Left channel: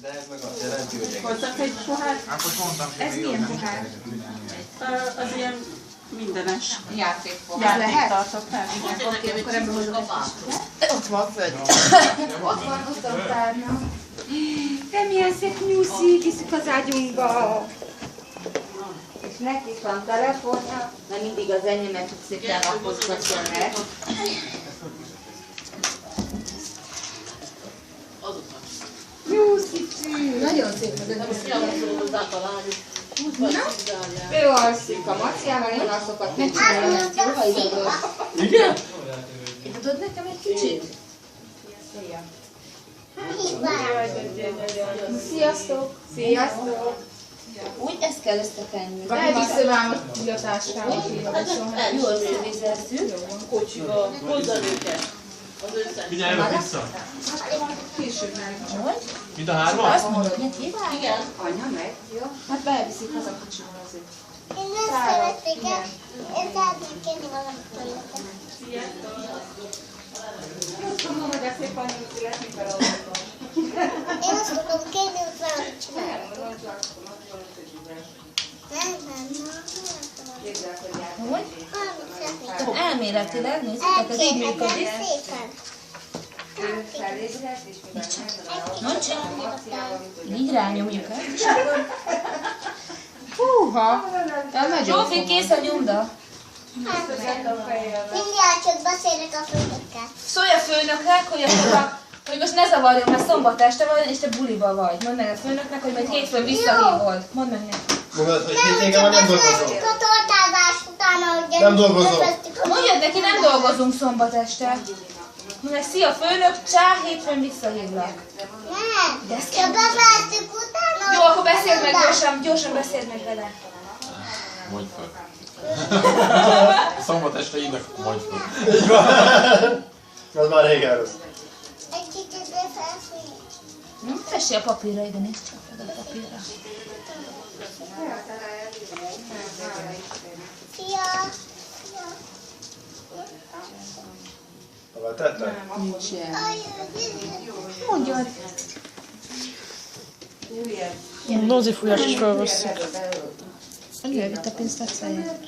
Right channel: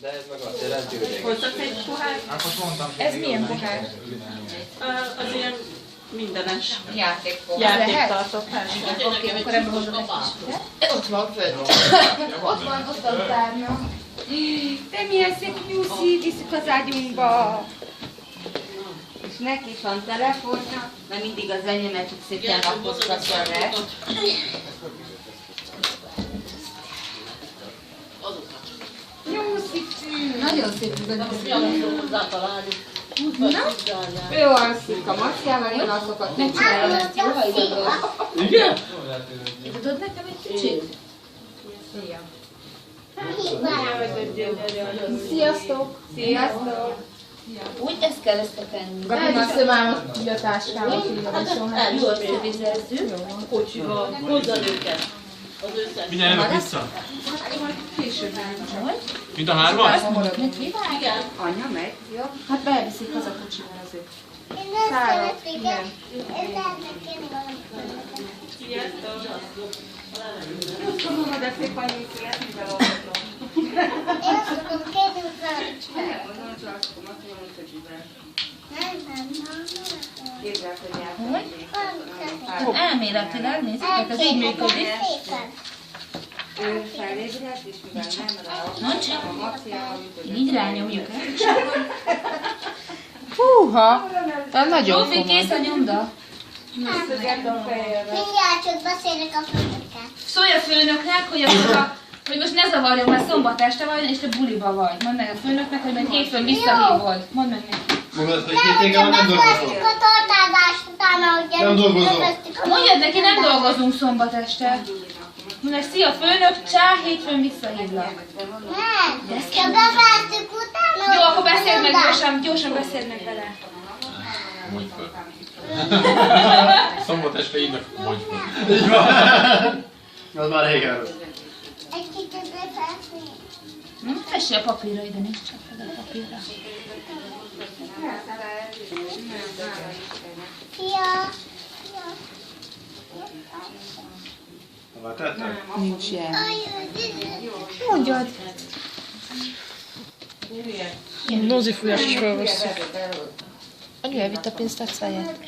De ez meg azt jelenti, hogy... Hozzak egy pohár? Hát most mondtam, hogy Ez milyen pohár? Az ilyen mindenes. Játékpohár. Játéktartó, persze. Oké, akkor ebből hozom egy kis. Ott van fönt. Ott van, ott a tárnya. De milyen szép nyuszi, viszük az ágyunkba. És neki is van telefonja, mert mindig az enyémet így szépen lapozgatja le. Nyuszicű! Nagyon szép ez a nyuszi. Na, ő alszik a Maciával, én azokat megcsinálom ezt jó, ha ide volt. Igen? Tudod nekem egy kicsit? Szia! Sziasztok! Sziasztok! Úgy ezt kell összetenni. Gabi, vissza már a táskámat, Jó, összevizezzük. Kocsival, hozzad őket. Az összes. Mindjárt jövök vissza. Később nem. Hogy? Mind a hárman? Azt mondod neki? Igen. Anya megy, jó? Hát beviszik haza kocsival azért. Én nem szeretnék, én szeretnék valamit. Most tudom, de szép annyit születni belolvatom. Én azt akarom kérni, hogy valamit csinálok. Nem. Képzeld, hogy jártam. Hogy? Valamit szeretnék. Elméletileg, nézzétek, ez így működik. Szépen. Ő felébredt, és mivel nem Mondd csak. a Maciával, Így rányomjuk el. Húha! Ez nagyon Zsófi, kész a nyomda. Mindjárt csak beszélek a főnökkel. Szólj a főnöknek, hogy most ne zavarjon, mert szombat este van, és te buliba vagy. Mondd meg a főnöknek, hogy majd hétfőn visszahívod. Mondd meg neki. Mondod, hogy Nem, hétvégén hogyha nem dolgozom. beszéltük a tortázást utána, hogy Nem dolgozom. Mondjad neki, nem dolgozunk szombat este. Mondd meg, szia főnök, csá, hétfőn visszahívlak. Nem, csak befejeztük utána, Jó, hogy akkor beszéld meg nem gyorsan beszéld meg vele. Mondj fel. Szombat este írnak, mondj fel. Így van. Az már régen rossz. Egy kicsit befejezni. Tessél a papírra ide, nézd csak oda a papírra. Szia! Hova tetted? nincs ilyen. Mondjad. Nózi fújás is felvesszük. Annyi elvitt a pénztárcáját.